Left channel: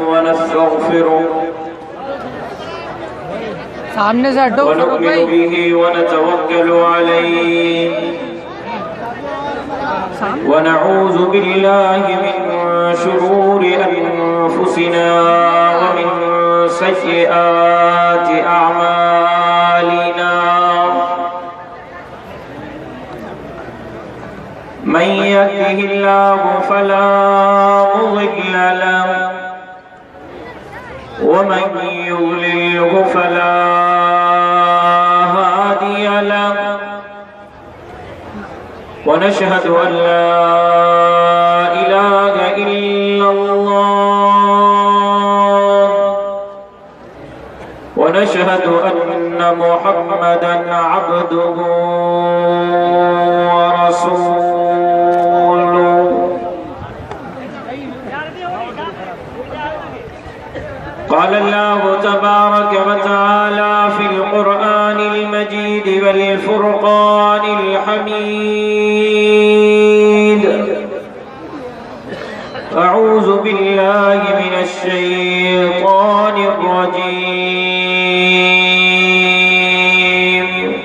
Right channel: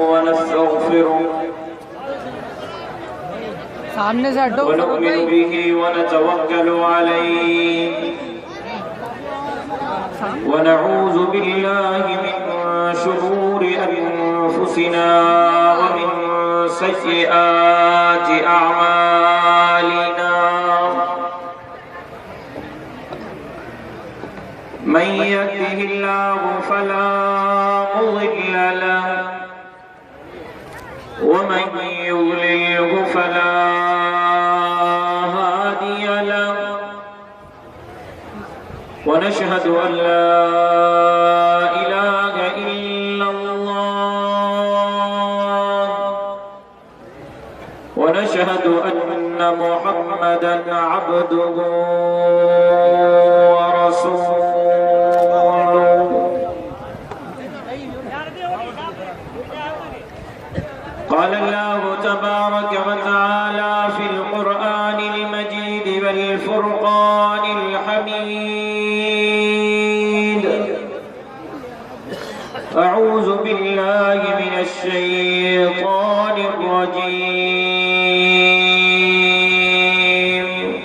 ونستغفره सामने से हटो ونؤمن به ونتوكل عليه ونعوذ بالله من شرور أنفسنا ومن سيئات أعمالنا من يهده الله فلا مضل له ومن يضلله فلا هادي له ونشهد أن لا إله إلا الله ونشهد أن محمدا عبده ورسوله قال الله تبارك وتعالى في القرآن المجيد والفرقان الحميد أعوذ بالله من الشيطان الرجيم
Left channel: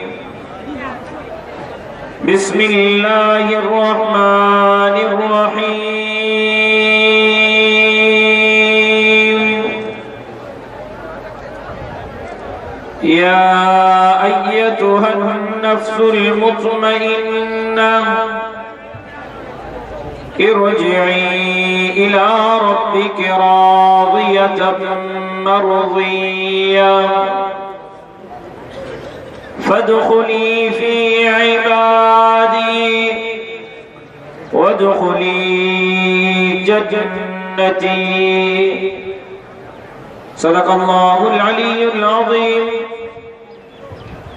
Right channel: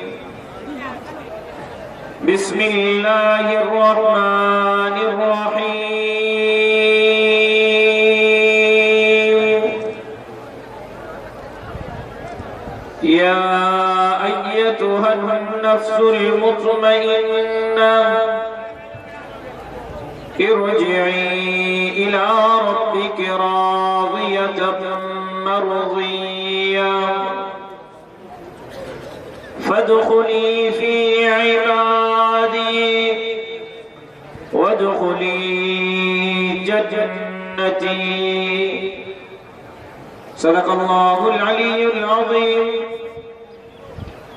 بسم الله الرحمن الرحيم يا أيتها النفس المطمئنة ارجعي إلى ربك راضية مرضية فادخلي في عبادي وادخلي جنتي صدق الله العلي العظيم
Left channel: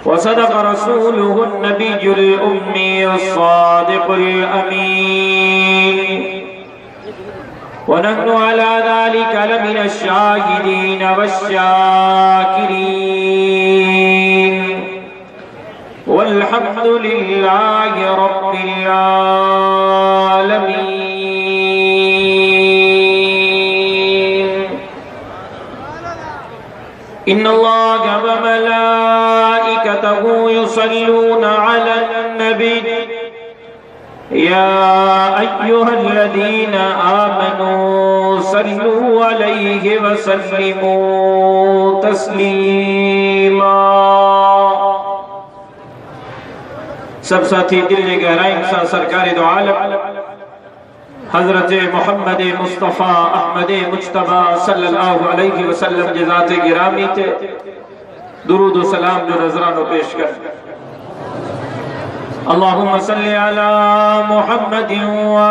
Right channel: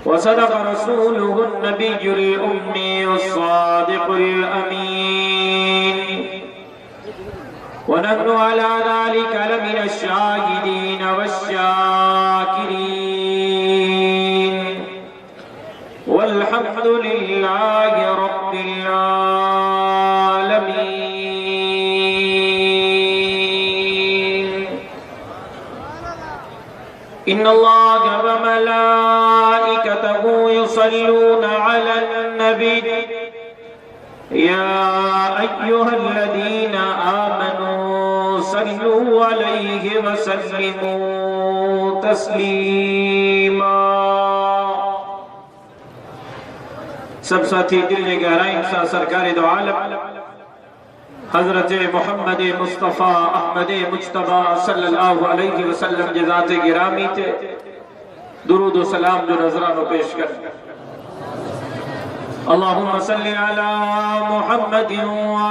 وصدق رسوله النبي الأمي الصادق الأمين ونحن على ذلك لمن الشاهدين والشاكرين والحمد لله رب العالمين إن الله وملائكته يصلون على النبي يا أيها الذين آمنوا صلوا عليه وسلموا تسليما सब साथी दिल ने गहराई सा सरकार दो आलम हजरत मोहम्मद मुस्तफ़ा अहमद मुज्तबा सल्लल्लाहु अलैहि वसल्लम के ज़ात गिरामी थे दुरूद व सलाम जो नजरानो पेश कर अल्लाहुम्मा सल्ली अला मुहम्मद व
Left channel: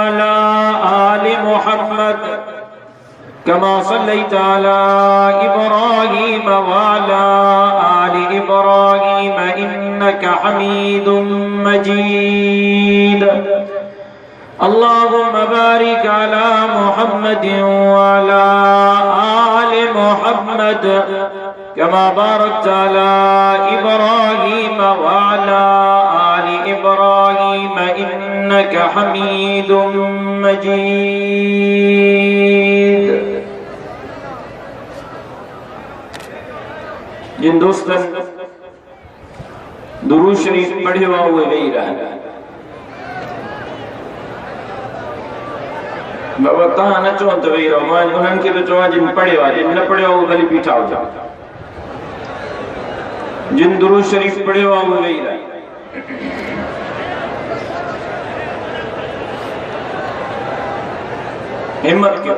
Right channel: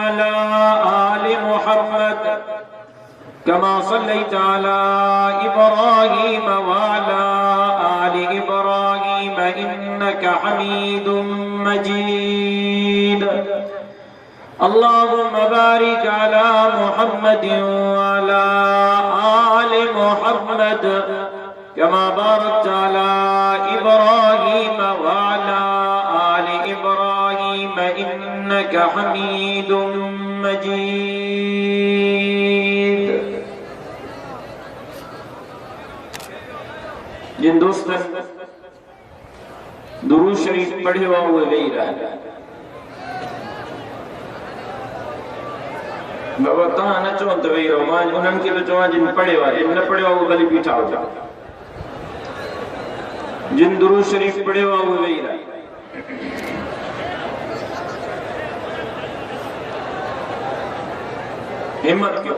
अला आलि मुहम्मद कमा सल्लैता अला इब्राहीम व अला आलि इब्राहीम इन्नका हमीदुम मजीद अल्लाहुम्मा बारिक अला मुहम्मद व अला आलि मुहम्मद कमा बारकता अला इब्राहीम व अला आलि इब्राहीम इन्नका हमीदुम मजीद। जिन दोस्तों दुरूद शरीफ पढ़े हुआ वो नहीं रहा बता न चो तो वही रहो मां उन्हनि खे तो चो जिन पढ़े हुआ जिन न पढ़े वो भली बीठा हो जाओ जिन दुरूद शरीफ पढ़े हुआ वो नहीं रहा हिम्मत क्यों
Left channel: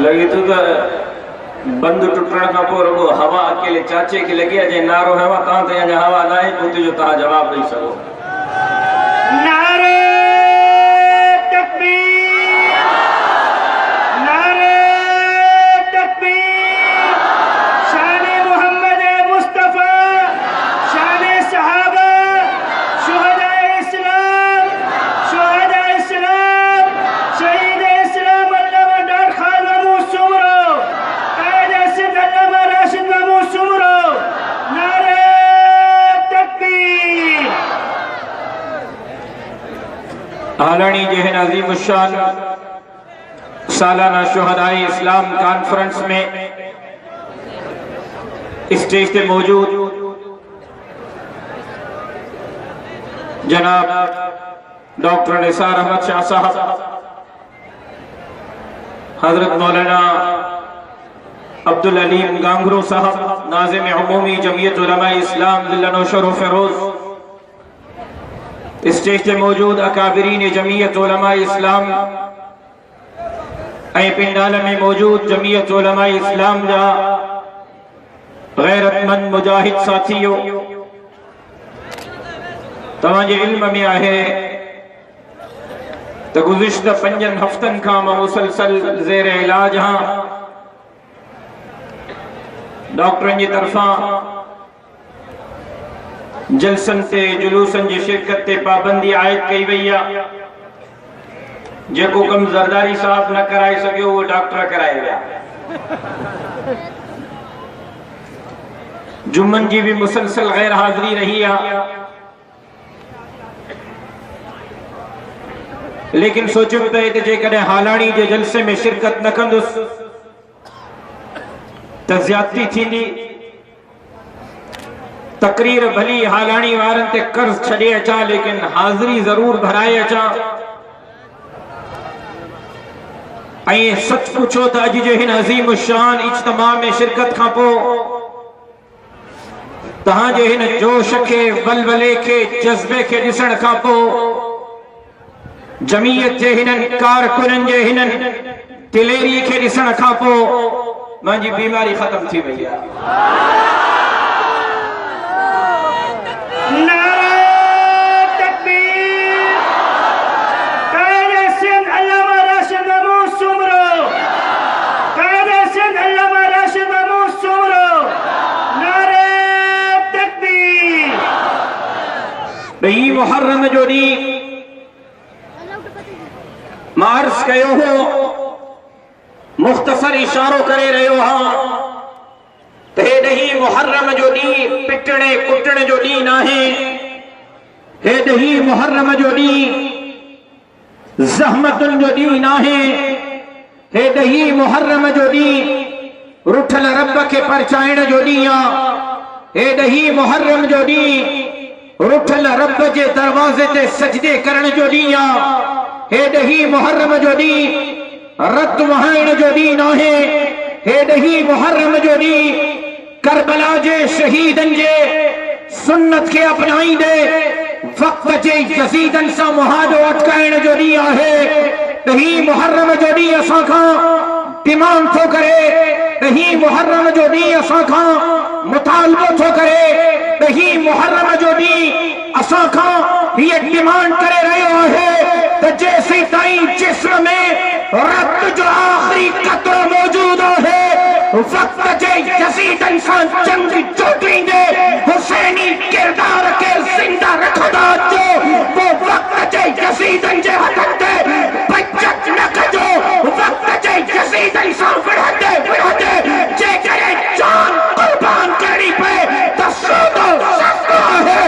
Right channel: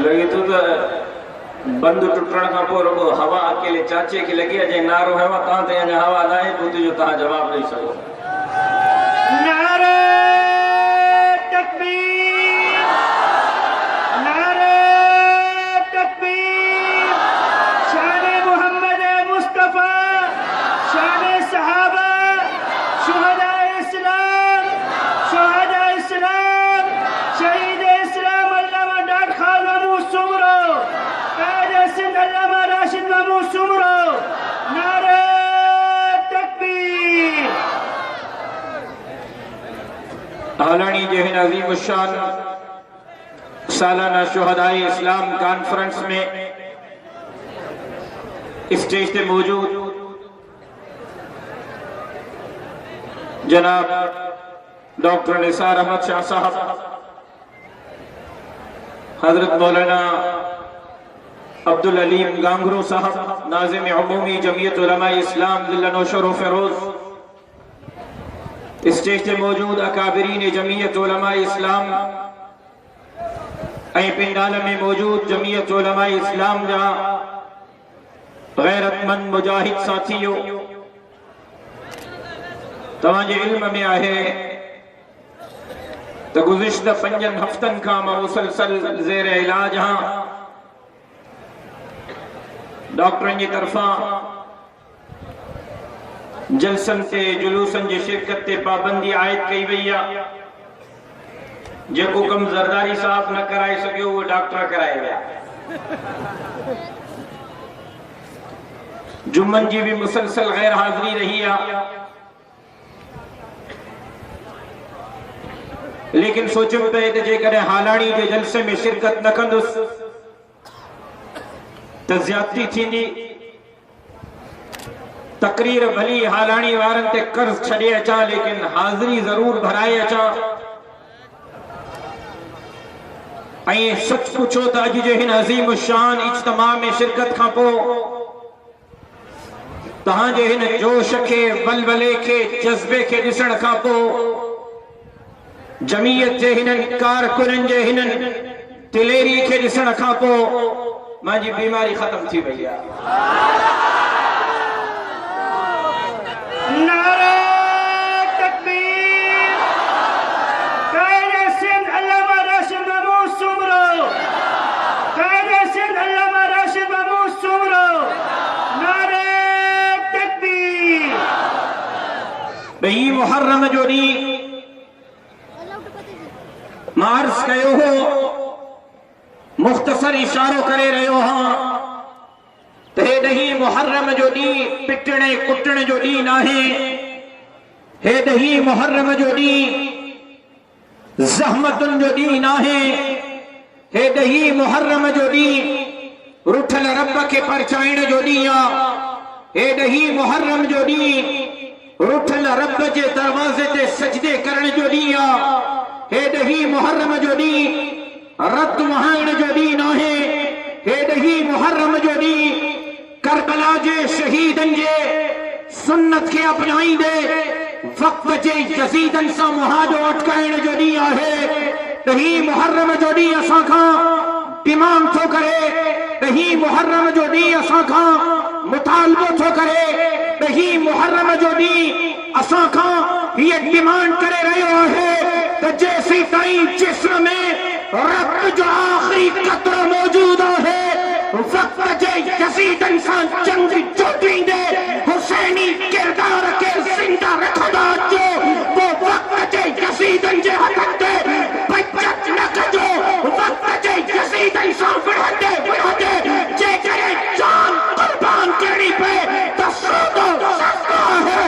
लगी तो बंद टुटण का पोइ हवा अकेले चाचे की लगी आहे जे नारो है तव्हां ते अञा हवा न आहे ॿुध जो तव्हां जवाब ॾेई सघो नारे तकबीर नारे तकबीर शान मोहम्मद मुस्तफा शान सहाबा शुहदा इस्लाम शुहदा आलनी जहन अजीम शान सालाना शुहदाए इस्लाम कॉन्फ्रेंस में स्टेज पे मौजूद जनाब डॉक्टर निसार अहमद शाह साहब, हजरत मौलाना अब्दुल अलीम गांगरू साहब, नाज़िम उमूमी जमीयत उलमा इस्लाम जिला नौशर व फिरोज, स्टेज पे मौजूद अकाबिरीन जमीयत उलमा इस्लाम ऐं पिंडाल में मौजूद जमीयत उलमा इस्लाम जा गैरतमंद मुजाहिद साथियों, तव्हांजे इल्म में आहे तो गुज़िश्ता 5 हफ्तन का मुसलसल ज़ेर इलाज हाँ डॉक्टरन जी तरफा जलसन से जुलूसन जी शिरकत ते पाबंदी आयद कई वही है। जेको कम जरदारी साहब न कराए सके वो डॉक्टर कराए विया। जुम्मन जी भी मुसलसल गैर हाजिरी रही है, लेकिन सोचो तो जेकॾहिं हालाणी जे जलसे में शिरकत न कंदुसि त ज़्यादती थींदी। तकरीर भली हालाणी वारन ते कर्ज छड़े अचा, लेकिन हाजिरी जरूर भराए अचा। ऐं सच पुछो त अज जे हिन अज़ीम शान इज्तिमा में शिरकत खां पोइ तहां जे हिन जोश के बलबले के जज्बे के ॾिसण खां पोइ जमीयत जे हिननि कारकुननि जे हिननि दिलेरी के ॾिसण खां पोइ मुंहिंजी बीमारी ख़त्म थी वई आहे। ॿई मुहर्रम जो ॾींहुं मार्च कयो हो, मुख्तसर इशारो करे रहियो हाँ त हे ॾहीं मुहर्रम जो ॾींहुं पिटणे कुटण जो ॾींहुं नाहे। हे ॾहीं मुहर्रम जो ॾींहुं ज़हमतुनि जो ॾींहुं नाहे। हे ॾहीं मुहर्रम जो ॾींहुं रुठल रब खे परचाइण जो ॾींहुं आहे। हे ॾहीं मुहर्रम जो ॾींहुं रुठल रब जे दरवाज़े ते सजदे करण जो ॾींहुं आहे। हे ॾहीं मुहर्रम जो ॾींहुं रत वहाइण जो ॾींहुं नाहे। हे ॾहीं मुहर्रम जो ॾींहुं करबला जे शहीदनि जे सुन्नत खे अपनाईंदे वक़्त जे यज़ीदनि सां मुहादो अटकाइण जो ॾींहुं आहे। ॾहीं मुहर्रम जो ॾींहुं असां खां डिमांड थो करे, ॾहीं मुहर्रम जो ॾींहुं असां खां मुतालबो थो करे, ॾहीं मुहर्रम जो ॾींहुं असां खां हीअ डिमांड करे रहियो आहे त जेसीं ताईं जिस्म में रत जो आख़िरी क़तरो मौजूद आहे, वक़्त जे यज़ीदनि सां जंग जोड़ींदे हुसैनी किरदार खे ज़िंदा रखंदा अचो। पोइ वक़्त जे यज़ीदनि जे हथनि ते बचत न कजो। वक़्त जे यज़ीदनि सां विढ़ंदे विढ़ंदे जेकॾहिं जान क़ुर्बान करणी पए त सौदो सस्तो आहे।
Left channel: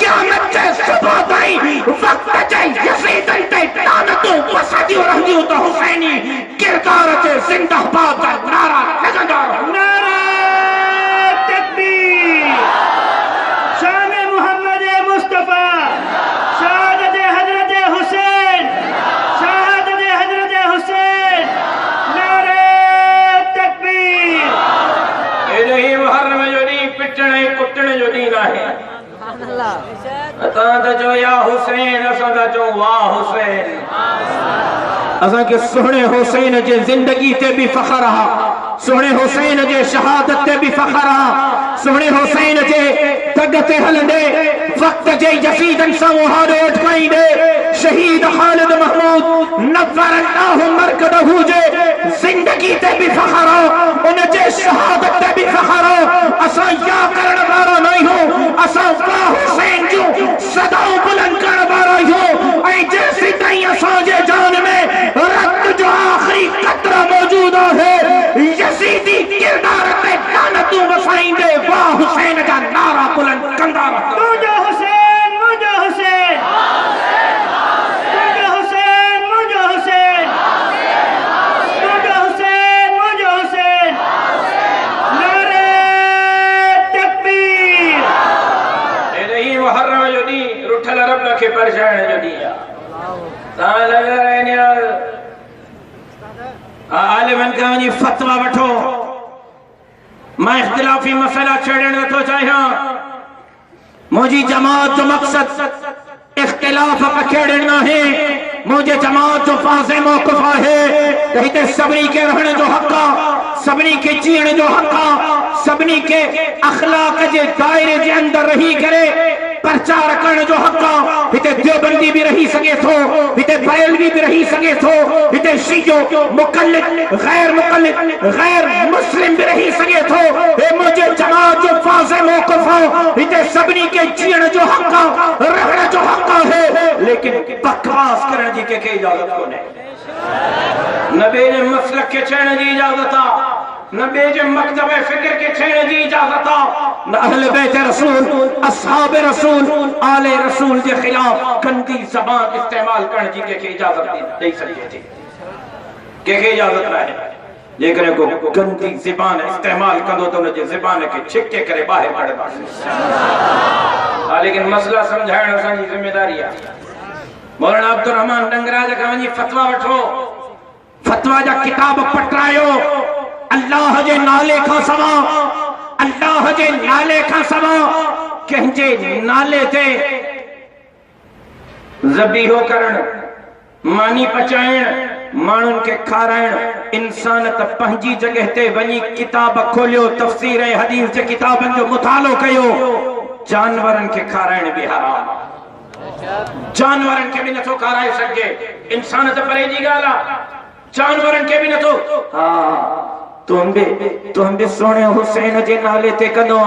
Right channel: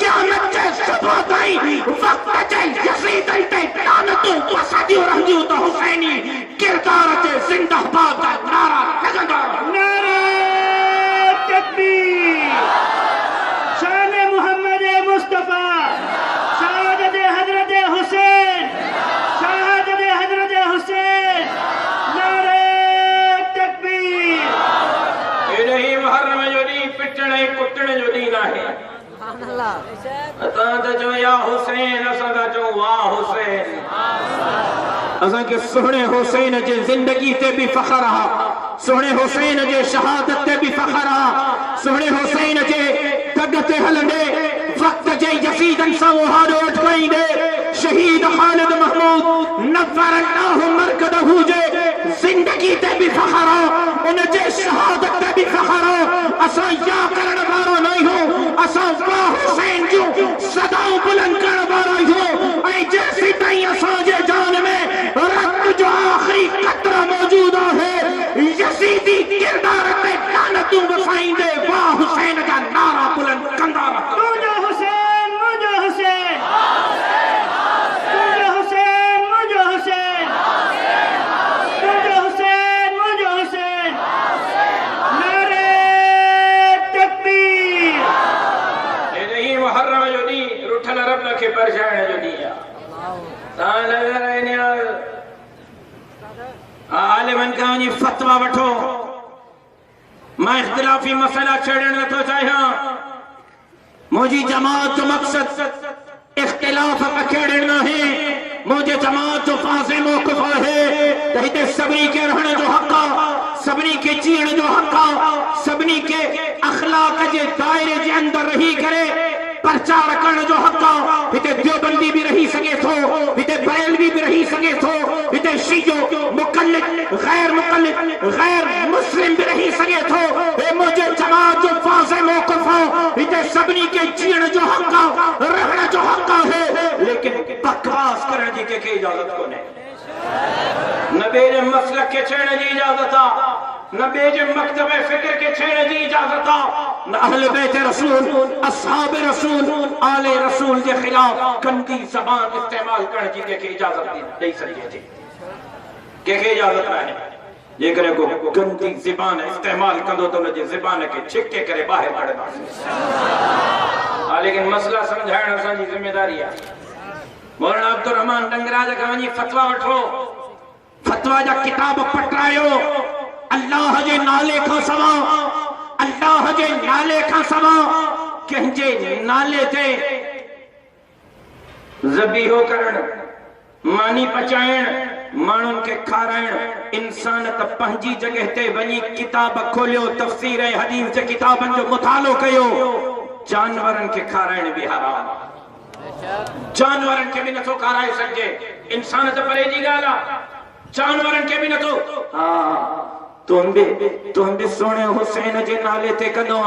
क़यामत जे सुबुह ताईं वक़्त जे यज़ीदनि ते लानतूं वसंदियूं रहंदियूं त हुसैनी किरदार जे ज़िंदाबाद जा नारा लॻंदा। नारा तकबीर, शान मुहम्मद मुस्तफा, शहादत हज़रत हुसैन, शहादत हज़रत हुसैन, नारा तकबीर। इन्हीं मुहर्रम जो ॾींहुं पिटण ऐं कुटण जो ॾींहुं आहे। असां त चओ या हुसैन, असां त चओ वाह हुसैन। असां के सुहिणे हुसैन जे ज़िंदगी ते बि फ़ख्र आहे, सुहिणे हुसैन जे शहादत ते बि फ़ख्र आहे, सुहिणे हुसैन जे दग ते हलंदे वक़्त जे यज़ीदनि सां मुहादो अटकाईंदे शहीद ख़ालिद महमूद नव्वर अल्लाहु मरकदहू जे ज़िंदगी ते बि फ़ख्र आहे, उन जे शहादत ते बि फ़ख्र आहे। असां या करण वारा न आहियूं, असां वाह हुसैन जूं सदाऊं बुलंद करण वारा आहियूं। ऐं जेसीं ताईं असांजे जान में रत जो आख़िरी क़तरो मौजूद आहे, यज़ीदी किरदार ते लानतूं वसाईंदे वाह हुसैन जा नारा बुलंद कंदा रहो। मुंहिंजो हुसैन, मुंहिंजो हुसैन, मुंहिंजो बयान कहानी फतवा वठो मैं इख्तिलाफी मसला छेड़ण नथो चाहियां मुझी जमात जो मकसद इख्तिलाफ छेड़ण न है मुझे जमात जो फाज़े मौक़िफ़ है त हिते सभिनी के रहण जो हक़ आ सभिनी के जीअण जो हक़ आ सभिनी के अखलाक जे दायरे जे अंदर रही करे प्रचार करण जो हक़ आ हिते देवबंदी भी रही सके थो हिते बरेलवी भी रही सके थो हिते शियो मुक़ल्लिद गैर मुस्लिम भी रही सके थो हे मुझे जमात जो फाज़े मौक़िफ़ हिते सभिनी के जीअण जो हक़ आ रहण जो हक़ है लेकिन बकवास करण जी के इजाजत कोन्हे न बेजे मसलक के छेड़ण जी इजाजत आ न बेजे मकतब फिक्र के छेड़ण जी इजाजत आ न अहले बैत रसूल असहाब रसूल आले रसूल के खिलाफ गंदी ज़बान इस्तेमाल करण जी के इजाजत दे सके थी के इजाजत ना है लेकिन को गंदी ज़बान इस्तेमाल करो तो न ज़बान के छिके करे बाहर कढदा लेकिन मसला समझाइण असांजी जिम्मेदारी है मौलाना अब्दुल रहमान डंगराज का वञी फतवा वठो फतवा जा किताब पटरायो अल्लाह जे नाले खां सवा अल्लाह जे नाले खां सवा कंहिंजे नाले ते ज़बीहो करण मानी पचाइण माण्हुनि खे खाराइण इंसान त पंहिंजी जगह ते वञी किताब खोलियो तफ़सीर ऐं हदीस जे किताबनि जो मुतालो कयो जानवरनि खे खाराइण भी हराम जानवरन के भी नथो खाराए सके इंसान तो परे जी गाला जानवरन के भी नथो हां तुम भी सोने हुसैन जे नाले ते कंदो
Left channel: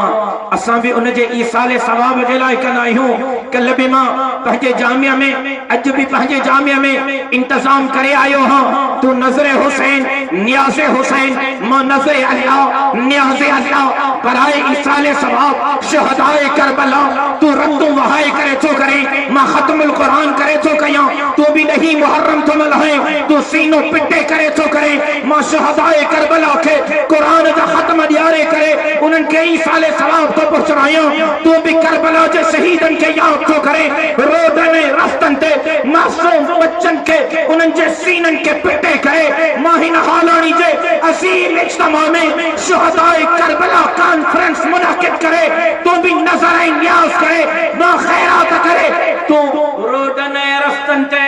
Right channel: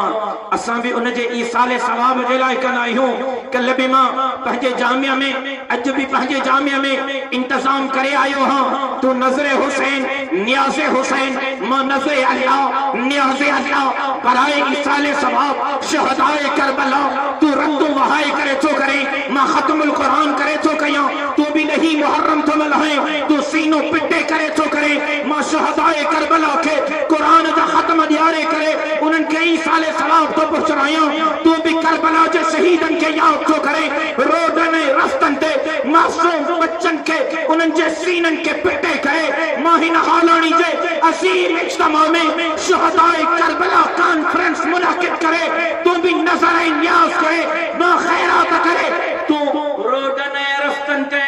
असां भी उन जे ईसाले सवाब जे लाइ कंदा आहियूं कल भी मां पंहिंजे जामिया में अज भी पंहिंजे जामिया में इंतजाम करे आयो हां तू नजरे हुसैन नियाज़े हुसैन मां नजरे अल्लाह नियाज़े अल्लाह बराए ईसाले सवाब शहदाए करबला तू रद्द वहाए करे तो करे मां खत्मुल कुरान करे तो कया तू भी नहीं मुहर्रम तो मलहे तू सीनो पिटे करे तो करे मां शहदाए करबला के कुरान जा खत्म दियारे करे उनन के ई साले सवाब तो पहुंचाया तू भी करबला जे शहीदन के याद तो करे रोदन रस्तन ते मासूम बच्चन के उनन जे सीनन के पिटे करे माहिन हालानी जे असीम इज्तिमा में शहदाए करबला कॉन्फ्रेंस मुनाकिद करे तू भी नजर न्याज करे ना खैरात करे तू रोदन रस्तन ते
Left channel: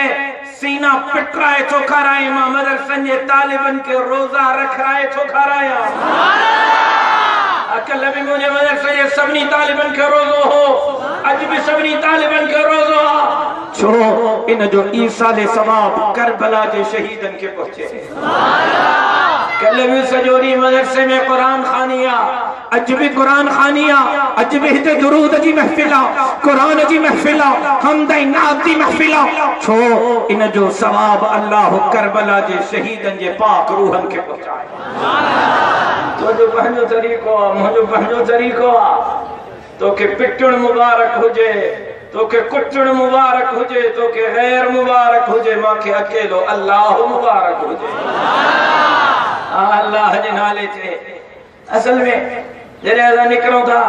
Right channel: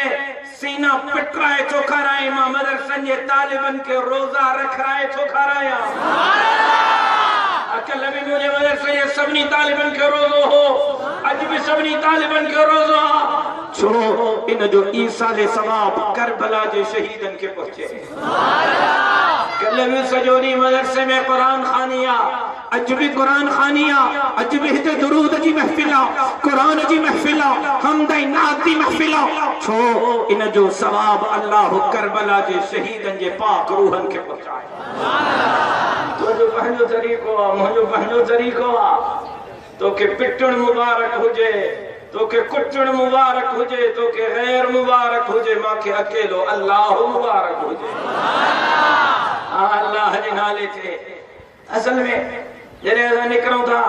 सीना पिटराए तो खाराए मां मदरसन जे तालिबन के रोजा रखराए तो खाराया सुभान अल्लाह अकल में मुझे मदरसन जे सबनी तालिबन के रोजो हो अज भी सबनी तालिबन के रोजो छो इन जो ईसाले सवाब करबला जे शहीदन के पहुंचे सुभान अल्लाह कल भी सजोरी मदरसे में कुरान खानिया अज भी कुरान खानिया अज भी हिते दुरूद जी महफिला कुरान जी महफिला हमद नात जी महफिला छो इन जो सवाब अल्लाह करबला जे शहीदन जे पाक रूहन के पहुंचाए सुभान अल्लाह तो जो पंहिंजो तरीको मुझो पंहिंजो तरीको तो के पिटण मुबारक हुजे तो के कुटण मुबारक हुजे तो के गैर मुबारक हुजे माके अकेलो अल्लाह मुबारक हुजे सुभान अल्लाह अल्लाह जे नाले ते असल में जरे असा निकरो था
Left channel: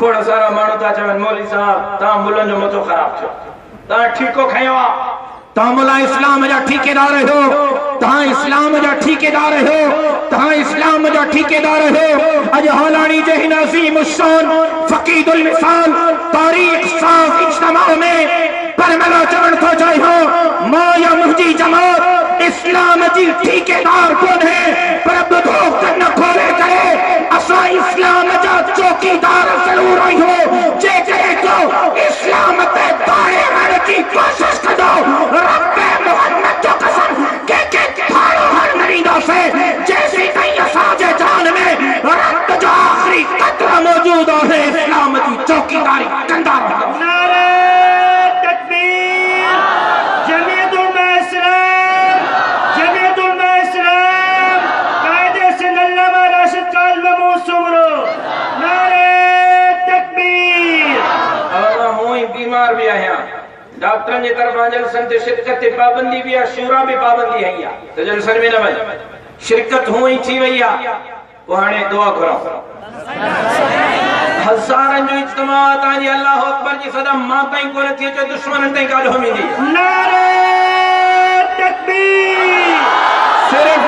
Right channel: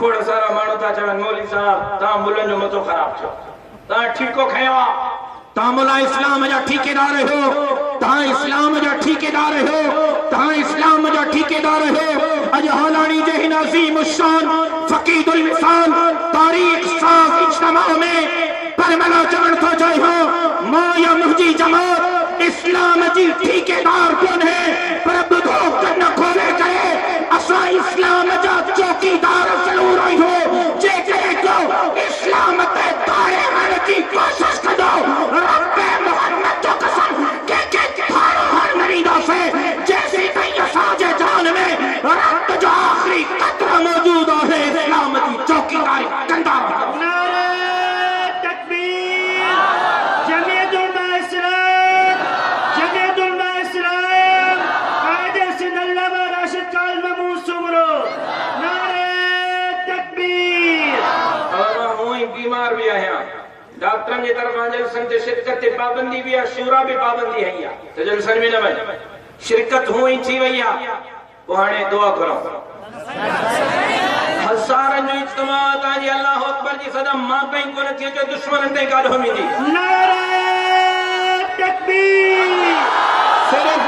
खोड़ सारा माण्हू था चवन मौलवी साहब ता मुलन जो मतो खराब छो ता ठीको खयो ता मुला इस्लाम जा ठेकेदार हो ता इस्लाम जा ठेकेदार हो ता इस्लाम जा ठेकेदार हो अज हालानी जे हिन अजीम शान फकीदुल मिसाल तारीख साफ इज्तिमा में पर मला चवन तो चाहियो मां या मुजी जमात इस्लाम जी ठेकेदार कौन है पर बुधो न खोले करे असा इस्लाम जा चौकीदार जरूर हो जे को इस्लाम ते दाए रहने की कोशिश करो रब्बे मोहम्मद तो कसम के फाड़ो हर मरीदा से जैसी कहीं साजे जान में रब्ब जो आखिरी कतरा मौजूद है इस्लाम की चौकीदारी कंधा नारे तकबीर जमीयतुल इस्लाम कायदे से अल्लामा राशिद काल महमूद सुमरो नारे तकबीर और होई बीमार भी आया डॉक्टर ने तरफ जलसन ते शिरकत ते पाबंदी भी है शूरा भी पाबंदी है या तो जलसन में न शिरकत हुई थी भैया पुराने दुआ करो हजारन जो इज्तिमा ताजी अल्लाह अकबर जी सदा मां ताई को रखी जो दुश्मन ताई कालो मिली नारे तकबीर सिर्फ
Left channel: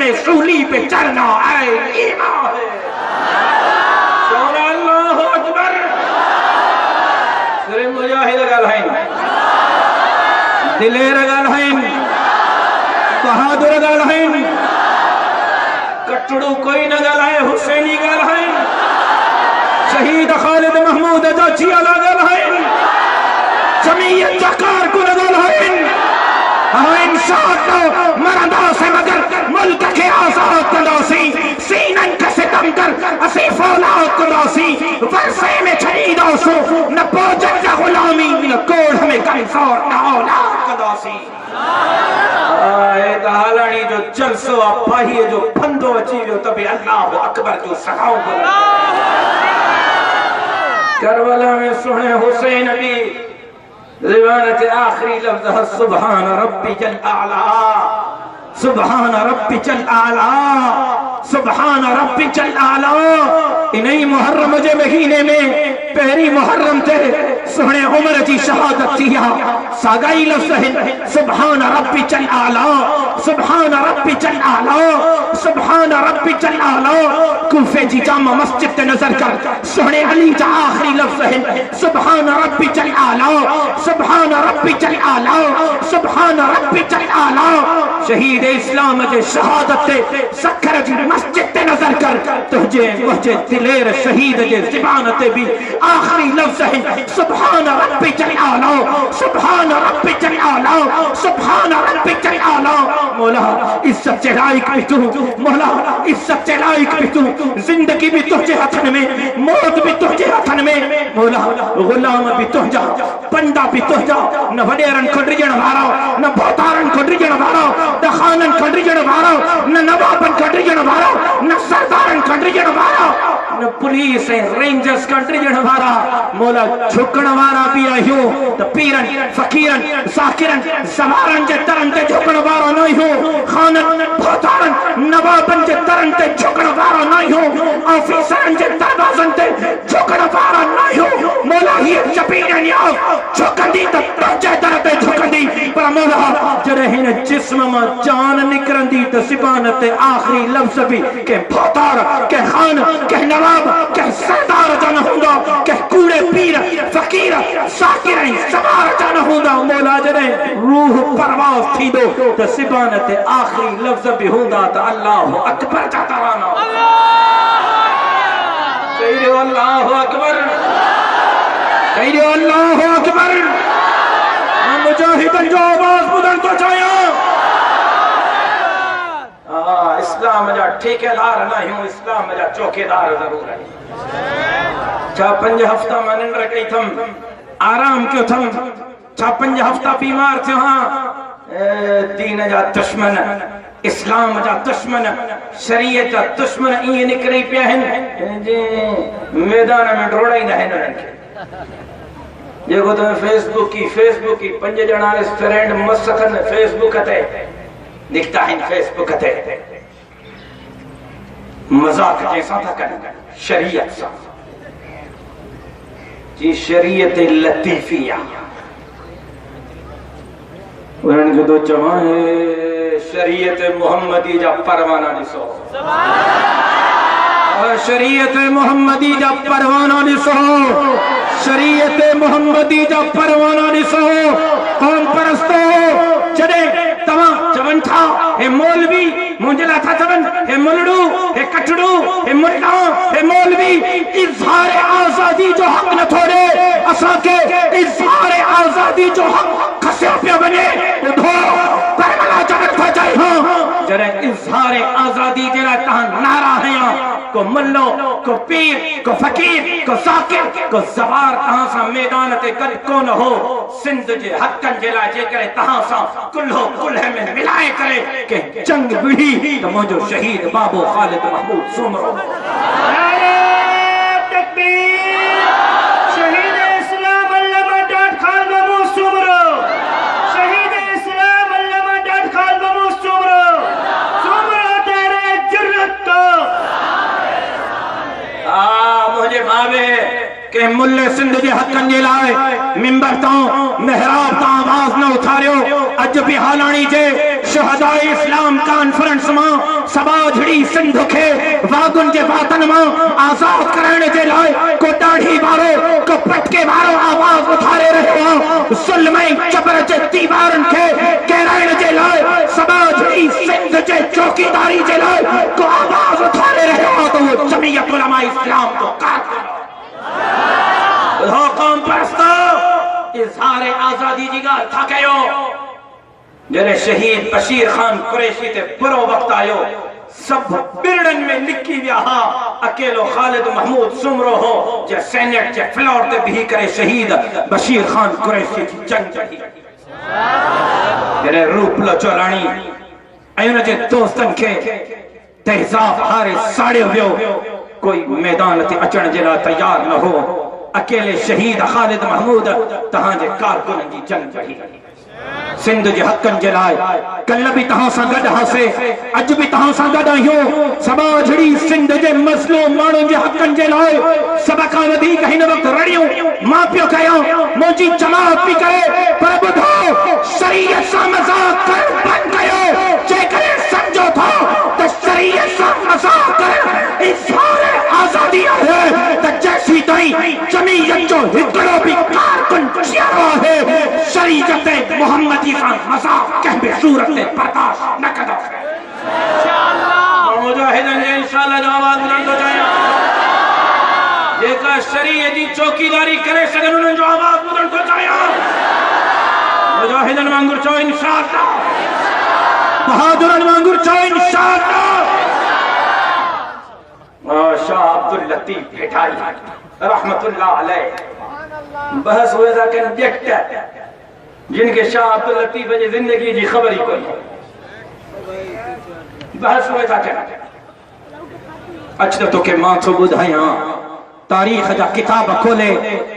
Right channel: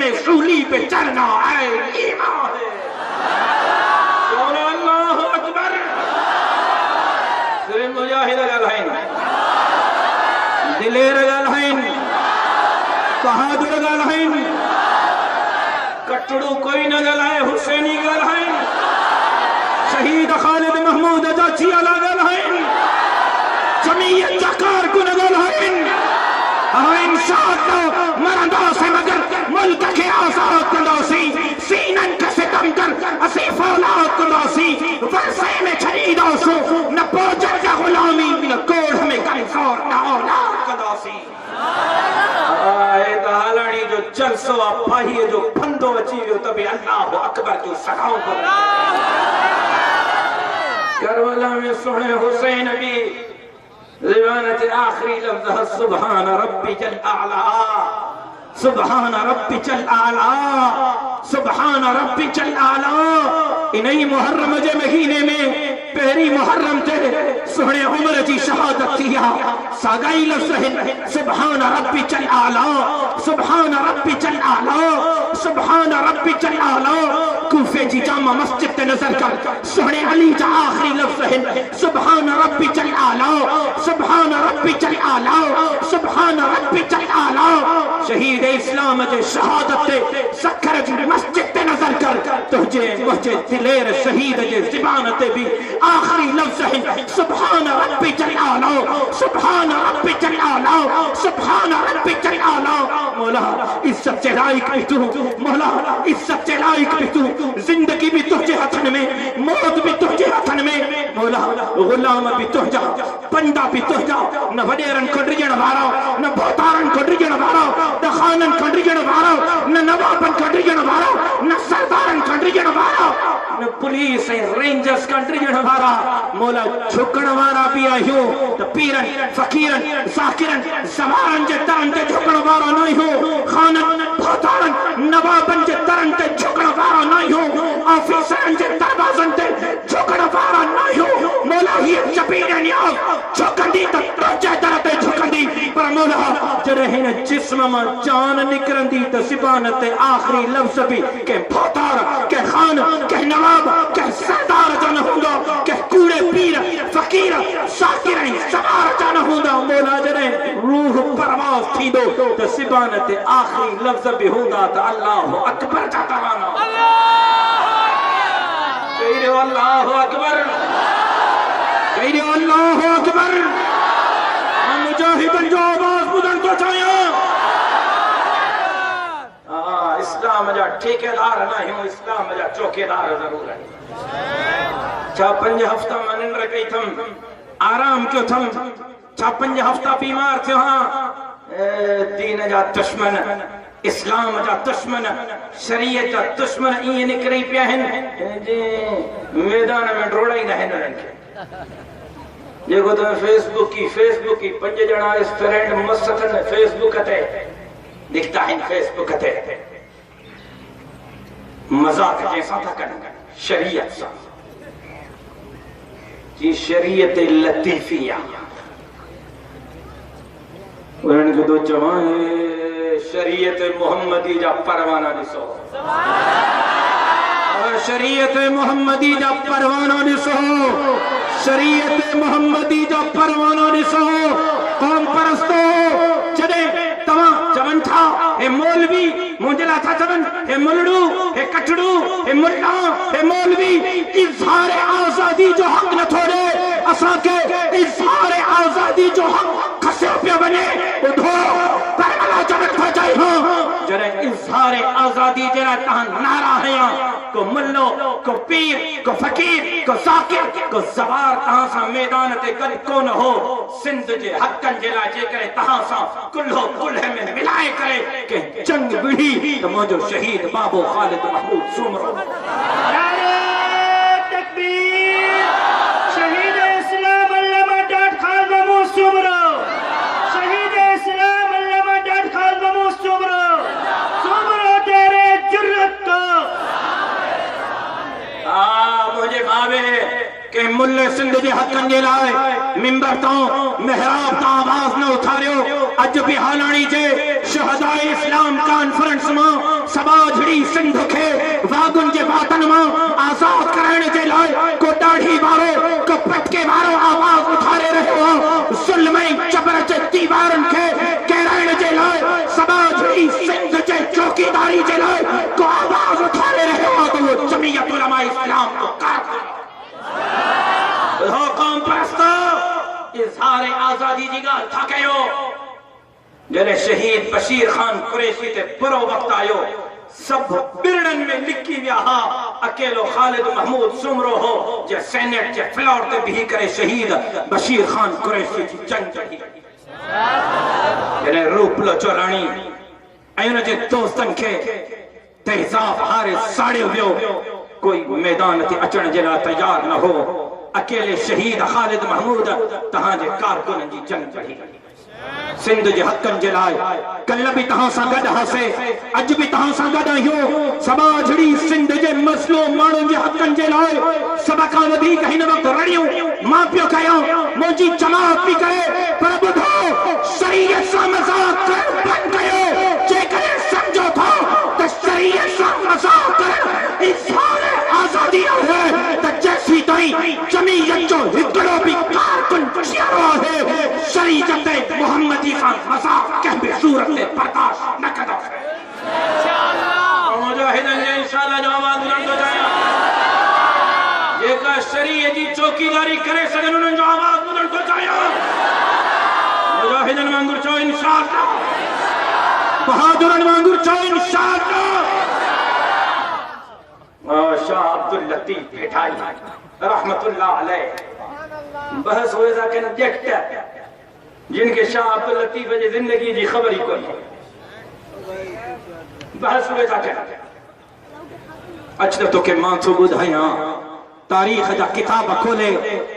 में सूली पे चढ़ना है ईमान है। अल्लाहु अकबर। सिर्फ मुजाहिद गलहैन, दिलेर गलहैन, बहादुर गलहैन, कटड़ू कोई न गलहै, हुसैनी गलहैन, शहीद खालिद महमूद अजाची अला गलहैन, जमीयत जकार कुन गलहैन, इंसान मरदा से मगर मुल्क के आजाद तलासी, सीनन का सितम कर असी फौलाद तलासी, वर्षे में छरीदा सो न पोजर का गुलामी, न कोड हमें कमजोर न औलाद तलासी। दहालनी जो जलसो अपाही जो फंदो अची वियो तबे अल्लाह अकबर जो सगाओ करबला में सुने हुसैन भी रिवायत आखिरी लफ्ज़ सुभान रब्बी जल आला, सुभान रब्बी जल आला, सुभान रब्बी जल आला। इन्हीं मुहर्रम जे महीने में पहली मुहर्रम थे सोहने उमर जी शहादत थिया, सागाई लफ्ज़ है सुभान रब्बी जल आला, सुभान रब्बी जल आला, सुभान रब्बी जल आला। कूफे जी जामा मस्जिद ते नजर कर सोहने अली जा आखिरी लफ्ज़ है सुभान रब्बी जल आला, सुभान रब्बी जल आला, सुभान रब्बी जल आला। शहीद इस्लाम जे शहादत ते सखर जी मस्जिद ते नजर कर तुझे मुझे दिलेर शहीद जे ज़ुबान ते भी आखिरी लफ्ज़ है सुभान रब्बी जल आला, सुभान रब्बी जल आला, सुभान रब्बी जल आला। मौला इज्जत के लायक भी तू, मौला इज्जत के लायक भी तू, जिंदगी भी तुझे हथन में, मौत भी तुझे हथन में। मौला गुलाम भी तुझा, बंदा भी तुझा, न वडेरन खड्रिजण वारो, न बोतारन खड्रिजण वारो, न खानन खड्रिजण वारो, न नवाबन खड्रिजण वारो, न सरदारन खड्रिजण वारो, न पुलिस रेंजर्स खड्रिजण वारा। मौला झुकण वारा भी आयो तो पीरन फकीरन साकिरन समारन जे तरन ते झुकण वारा नहीं हो, खानन बोतारन नवाबन जे तरन ते झुकण वारा नहीं हो, ऑफिसरन जे दरवाजन ते झुकण वारा नहीं हो। मौला ये जबीरन या झुकंदी तो पहुंचे दर ते झुकंदी, पर मौला जरे हिन जिस्म में जान निकरंदी तो सिबान ते आखिरी लफ्ज़ भी के बोतार के खान के नवाब के सरदार जन होगा, के कूड़े पीर फकीर साकिर समार जन होगा। मौला जरे रूह परवास थी दो तो सिबान ते आखिरी लफ्ज़ भी होगा तो अल्लाह अकबर का तराना, अल्लाह अकबर, अल्लाह अकबर। मुजाहिदन जो आवाज बुलंद तो चाहिए। इस्लाम जा ठेकेदार नहीं हूँ, इस्लाम जा चौकीदार जरूर है। छा 5 हफ्ता में निंड कई थम आराम क्यों थम, छा 5 हफ्ता बीमार थियो। हाँ दीन जा दुश्मन, इस्लाम जा दुश्मन, शरीयत जा दुश्मन इं निकरी पिया मैदान में डोड़ाईंदा आहिनि। जेको तुम फेसबुक की 5 ॼणा फ्रेंड मसखन फेसबुक ते दिखता है, फेसबुक ते मजाक जैसा था कर शरीयत सा जी, शरीयत लतीफिया उन्होंने तो चवा शरीयत मोहम्मदी जा परवाना दिसो, शरीयत मोहम्मदी जा परवाना दिसो, शरीयत मोहम्मदी जा परवाना दिसो। कौम परस्तो जडे तमा चवन था हे मौलवी मुंजला था चवन, हे मुलड़ू, हे कटड़ू, हे मुल्ला, हे मौलवी इज़हार आजादी जो हक न थोड़े असा के इज़हार आजादी जो हक खस्या पे बने उठो परमला जगत हो जाए। हो जरे इज़हार आजादी जरा तहां नारा है को मल्लो को पीर को फकीर को साकिर को जवार तहां सा मैदान ते कल कोन हो। सिंध जे हकन जेला जे करे तहां सा कुल्हो कुल्हे में मिलाए करे के जंग बिड़ी तो मौजो शहीद बाबू खालिद महमूद सुमरो। मुल्ले सिंध जे हकन जे लाए मिंबर तो मेहराब ता आवाज न उठारियो। अज भी हालानी जे शहदाए इस्लाम कॉन्फ्रेंस मां सबा झड़ी सिंध खे वागुन जे वातन मां आजाद कराने जे लाए को दाढ़ी वारो को पटके वारो आवाज उठारे रहियो। जुल्म जबर जे दीवारन खे केराइण जे लाए सबा झड़ी सिंध जे चौकीदारी जे लाए को आवाज उठारे रहियो। तो वो जमीयत उलमा इस्लाम को कौम परस्तो इजहार आजादी जी गा था कयो। जने शहीद बशीर खान कुरैशी ते बुरो वक्त आयो सब बिरड़न में लिखी विया हा। अकेलो खालिद महमूद सुमरो हो जे सेनेट जे फ्लोर ते भी करे शहीद बशीर खान कुरैशी जी जंग जही। जने रूप लो चोलानी ऐन जे दोस्तन के तेजाब हारे साड़े वियो कोई मैदान ते अचण जे ला तैयार न हो। अकेले शहीद खालिद महमूद तहां जे कारकुनन जी जंग जही। सिंध जे हकन जे लाए कल भी तहां सां गड हसे अज भी तहां सां गड आहियो। सबा झड़ी सिंध जे मसलो माण्हुनि जे हकन जे लाए सब खां वधीक हिन वक्त रड़ियूं मां पियो कयां मुंहिंजी जमात पई करे। पर ॿुधो शरीयत सां मज़ाक करणु बंदि कयो। जेकॾहिं सम्झो था त शरीयत सां मज़ाक करणु इज़हार आज़ादी आहे त जैसी ताईं जमीयत जो हिकिड़ो बि कारकुन जीअरो आहे शरीयत मोहम्मदी सां मज़ाक कंहिं बि सूरत में बर्दाश्त न कंदासीं इंशाअल्लाह। मुजाहिदन जे इंशाअल्लाह जो आवाज़ बुलंद हो जाए। जेका शरीयत जी चौकीदारी करे सघनि उन्हनि जो आवाज़ बुलंद हो जाए। मुजाहिदन वांगुर चओ इंशाअल्लाह। बहादुरन वांगुर चओ इंशाअल्लाह। शाह अब्दुल लतीफ भेटाई रहमतुल्लाह अलैह बहस हुए था कि जट जिनके शाह अब्दुल लतीफ जी जिंदगी जी खबर ही कोई बहस हुए था कि अच्छा तो के मां तो बुधाया तारीख जा किताब खोले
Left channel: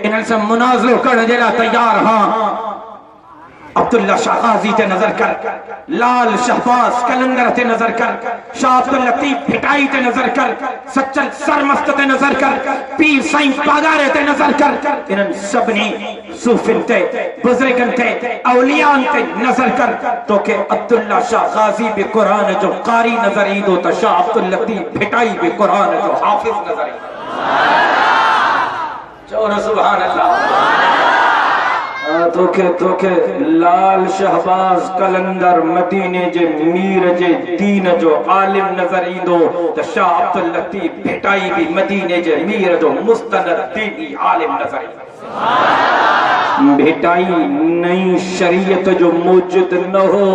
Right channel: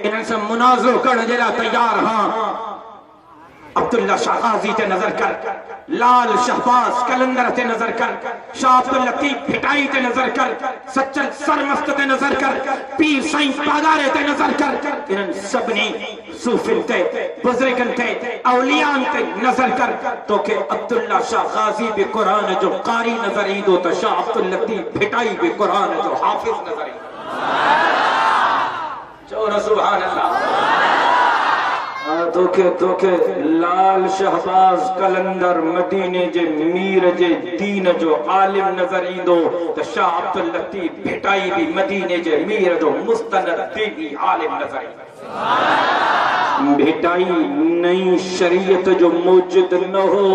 इन्हनि से मुनाज़रो करण जे लाइ तैयार हां। अब्दुल्ला शाह गाजी ते नजर कर, लाल शहबाज कलंदर ते नजर कर, शाह अब्दुल लतीफ भिटाई ते नजर कर, सच्चर सरमस्त ते नजर कर, पीर साईं पागारे ते नजर कर। इन्हनि सभिनी सूफिन ते बुजुर्गन ते औलियान ते नजर कर तो के अब्दुल्ला शाह गाजी भी कुरान जो कारी नजर ईंदो त शाह अब्दुल लतीफ भिटाई भी कुरान जो हाफिज नजर ईंदो। चओ न सुभान अल्लाह। तोखे लाल शहबाज कलंदर मदीने जे मीर जे दीन जो आलिम नजर ईंदो त शाह अब्दुल लतीफ भिटाई भी मदीने जे मीर जो मुस्तनद दीनी आलिम नजर ईंदो। भिटाई नई शरीयत जो मौजूद न हो।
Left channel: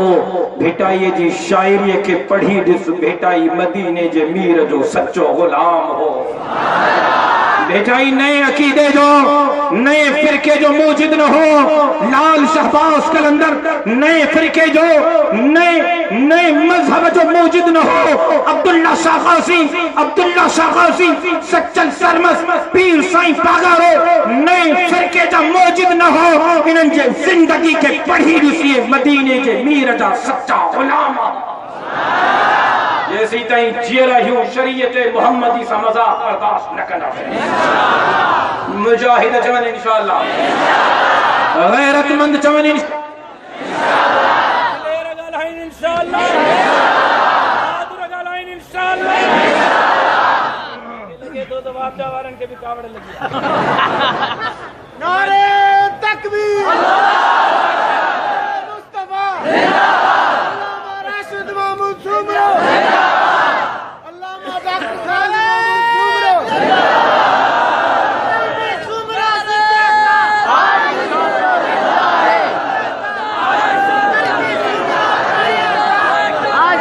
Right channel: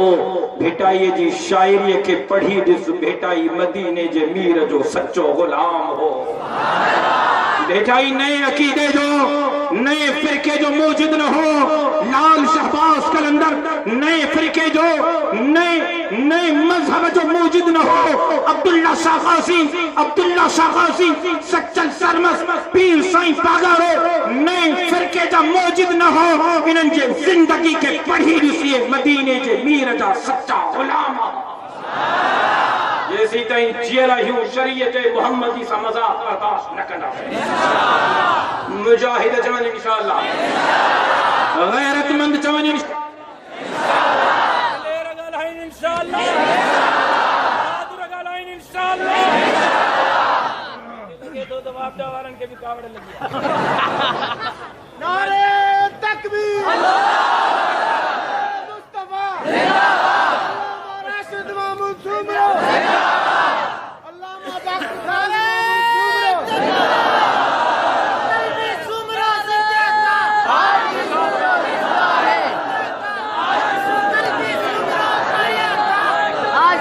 भिटाई जी शायरी के पढ़ी दिस भिटाई मदीने जे मीर जो सच्चो गुलाम हो। भिटाई नए अकीदे जो नए फिरके जो मौजूद न हो। लाल शहबाज कलंदर नए फिरके जो नए मजहब जो मौजूद न हो। अब्दुल्ला शाह गाजी सच्चल सरमस पीर साईं पागारो नए फिरके जा मौजूद न हो। इन्हनि जे जिंदगी के पढ़ी ॾिसी मदीने जे मीर जा सच्चा गुलाम जैसी ताईं जियल आहियूं शरीयत मुहम्मदी सां मज़ाक बर्दाश्त न कंदासीं। मुजाहिद चवनि इंशाअल्लाह, गैरतमंद चवनि इंशाअल्लाह, बहादुर ॻाल्हाइनि इंशाअल्लाह। लगे तो वापदा वारनि खे बि कावड़ लगी। नारे तकबीर, मुस्तफा जिंदाबाद, राशिद महमूद सुमरो जिंदाबाद, अल्लामा डॉक्टर खालिद सुमरो जिंदाबाद, सुमरो जिंदाबाद, आज सुमरो जिंदाबाद, आज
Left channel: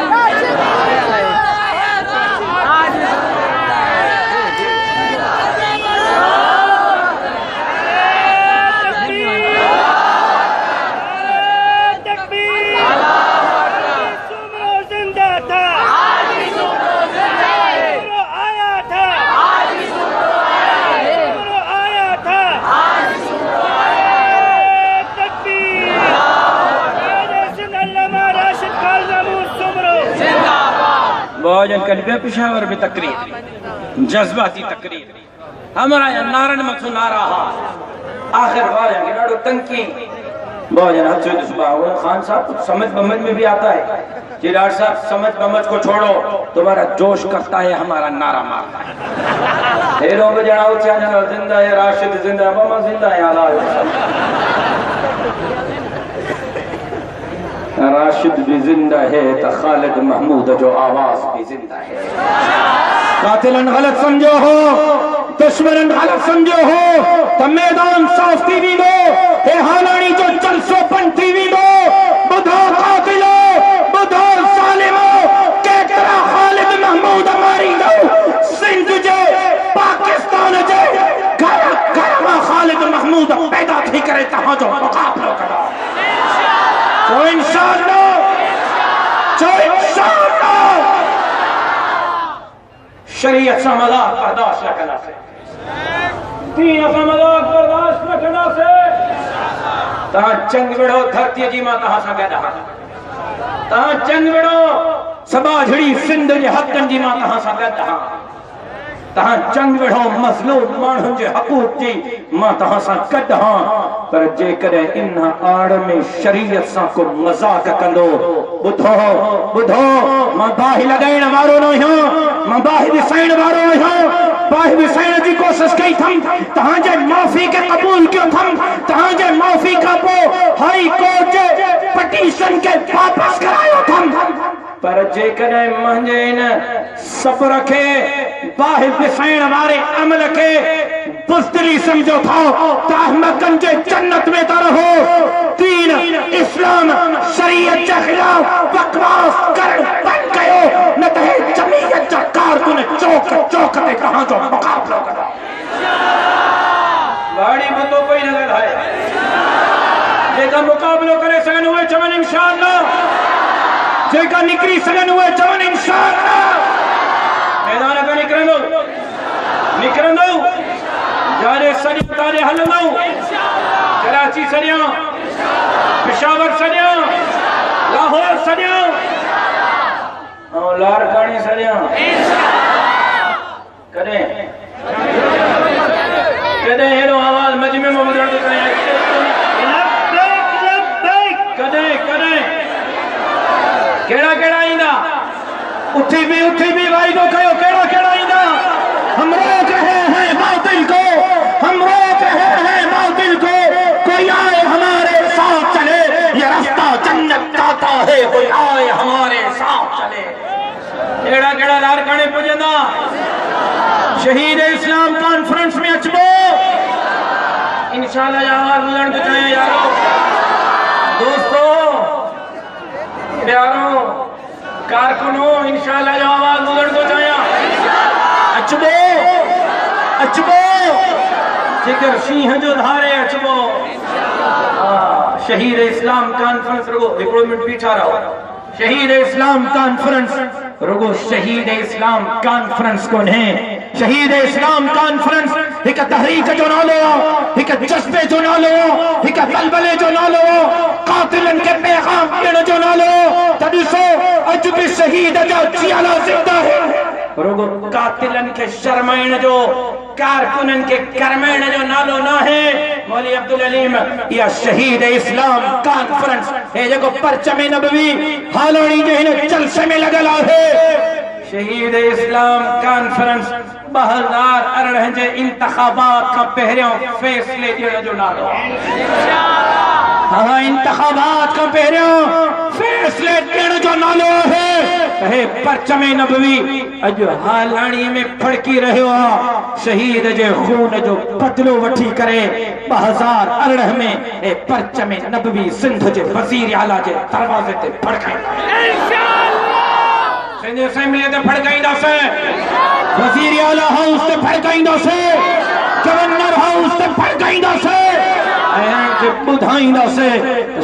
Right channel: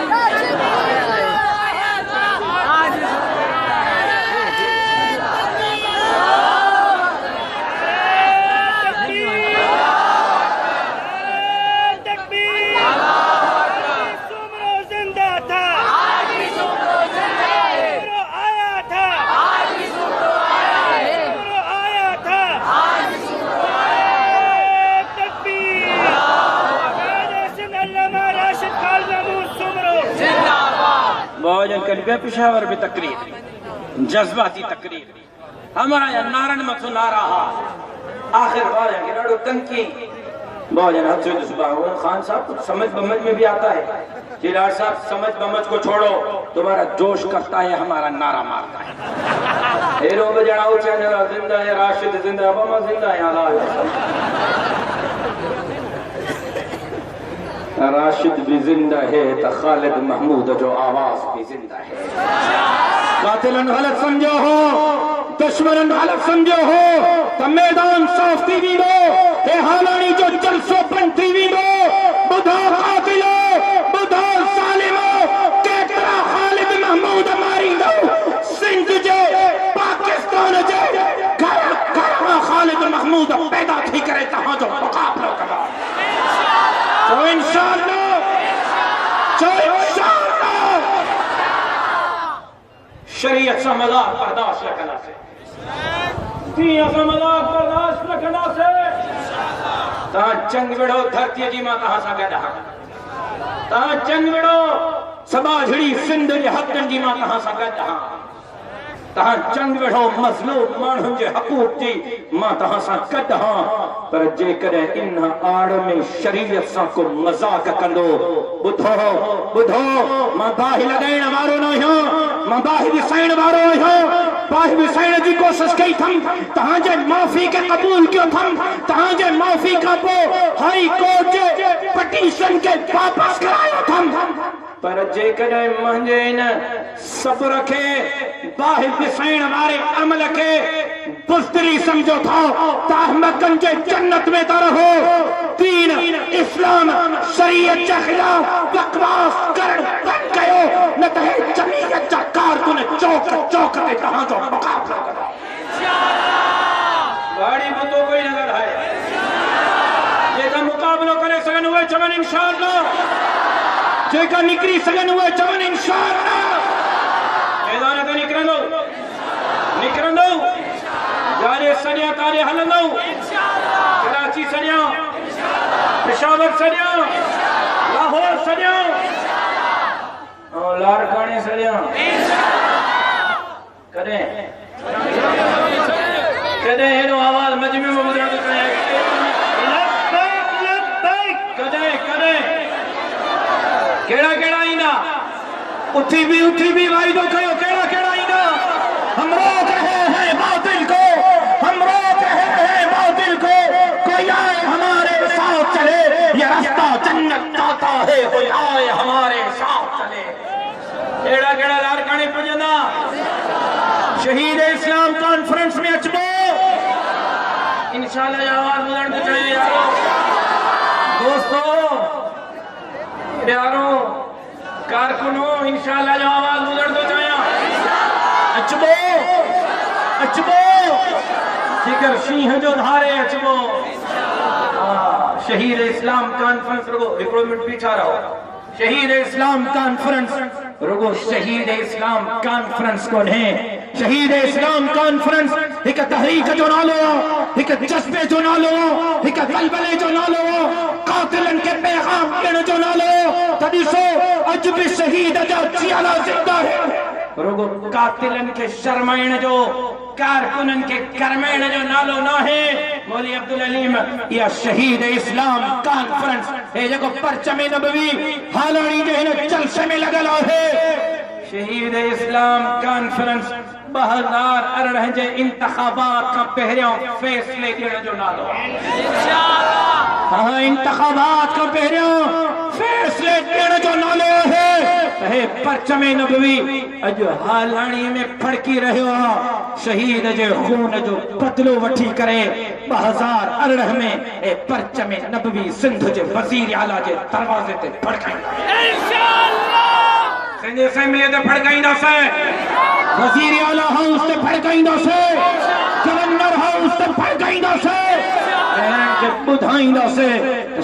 पेशावर में तकरीर जज्बाती तकरीर हमारा नारन मत नारा आखिर तंकी बहुत जन हद से सुबह खान साहब कुछ समझ बमझ में भी आता है जी डॉक्टर साहब, समझ बमझ को छोड़ो, तुम्हारा जोश करता है, हमारा नारा मारता है। हेरो बजाओ चैनल जिंदा है, राशिद जिंदा है, बमा जिंदा है, राशिद भी जिंदा है तो खालिद महमूद जो आवाज भी जिंदा है। कातिलन गलत समझो हो, दुश्मन गलत समझो हो तो मैदान साफ टीवी दो, हे हालानी जो जलसो पन टीवी दो, बुधो कातिलो, बुधो सालिमो, केतरा खालिद महमूद मारी दो, सिंध जे पाकिस्तान जे घर घर में खालिद महमूद पैदा थी करे तहां जो मुकाबला करा। तो इंशाअल्लाह शरीयत से मजाक बर्दाश्त न करना से, दीन से मजाक बर्दाश्त न करना से, तहां चंग विड़ो धरती जी मां तहां सा गदा, तहां चंग विड़ो सबा झड़ी सिंध जे हथन जी मां तहां सा गदा, तहां चंग विड़ो मज़लूम माण्हुनि जे हक़ूक़ जी मां तहां सां गॾु हां। पर जेकॾहिं इन आड़ में शरीयत सां को मज़ाक कंदो, ॿुधो ॿुधो, मां बाहि लॻाइण वारो न आहियां, मां बाहि ॾिसाइण वारो आहियां, बाहि ॾिसाइण जी कोशिश कई थम, तहांजे माफ़ी खे क़बूल कयो थम, तहांजे माफ़ी खां पोइ हाई कोर्ट जे पटिशन खे वापसि करायो थम। पर जेकॾहिं मुंहिंजे इन सब्र खे, बाहि ॾिसाइण वारे अमल खे बुज़दिली समझो था तो अहमकन जे जन्नत में तो रहो। दीन इस्लाम शरीयत के खिलाफ बकवास कर बन गयो, न तो जमीयत जा कारकुन चौक चौक में कहां जो मुकाबला करा। गाड़ी बंदो कोई नजर है जेका मुकाबलो करे सगन हुए चवन इंशाअल्लाह, जेका निकरी सगन हुए चवन इंशाअल्लाह। मैदान का निकरंदो निकरंदो, जाने सदियां तारे हलंदो, कराची सदियां, पेशावर सदियां, लाहौर सदियां और लारकानी सदियां। कदे कदे हेरो आवाज मजमे में ॿुधण थी करे, कदे कदे केड़ा केड़ा ईंदा, उठी भी वाइदो कयो, केड़ा केड़ा ईंदा। हम रोक रहे हैं बातिल को, हम रोक रहे हैं बातिल को, कोई आए हमारे साथ चले, ये रास्ता जन्नत जाता है, कोई आए हमारे साथ चले। केड़ा केड़ा लारकाने पुजंदा, शहीद इस्लाम कॉन्फ्रेंस में अचबो इंशाअल्लाह। यार बुलंद करें यार दोस्तों, प्यारों, कारकुनों, इंशाअल्लाह जो आवाज बुलंद हो जाए। अचबो अचबो जिगर सिंह जो धारे अचबो। शहीद इस्लाम कॉन्फ्रेंस रुगो हिकिड़ो मिनट बीठा रहो। शहीद इस्लाम कॉन्फ्रेंस रुगो शहीद इस्लाम कॉन्फ्रेंस को ने, शहीद इस्लाम कॉन्फ्रेंस एक तहरीक जो नालो, एक जज्बे जो नालो, एक बलबले जो नालो, कातिलन के पैगाम देने जो नालो। तभी सो अज भी शहीद जो जियाला जिंदा है, रुगो कातिलन के शर्माइण जो, कारकुनन के करमाइण जो नालो ना है। मौली अब्दुल अलीम या शहीद इस्लाम कॉन्फ्रेंस है जो परचमे नबवी हालानी जे हिन जलसे में लगल है। शहीद इस्लाम कॉन्फ्रेंस 2018 जे इंतखाबात का पहरियों फैसले ॾियण जो नालो। हाँ, इंतखाबात का पहरियों फैसले ॾियण जो नालो है। परचमे नबवी अज हालानी में फड़की रहियो आहे। शहीद जे खून जो बदलो वठी करे 2018 में परचमे नबवी सिंध जे वजीर आला जे दरवाजे ते फड़काईंदा। सिंध असेंबली ते फड़काईंदासीं, वजीर आला हाउस ते फड़काईंदासीं, गवर्नर हाउस ते फड़काईंदासीं, ॿुधाईंदासीं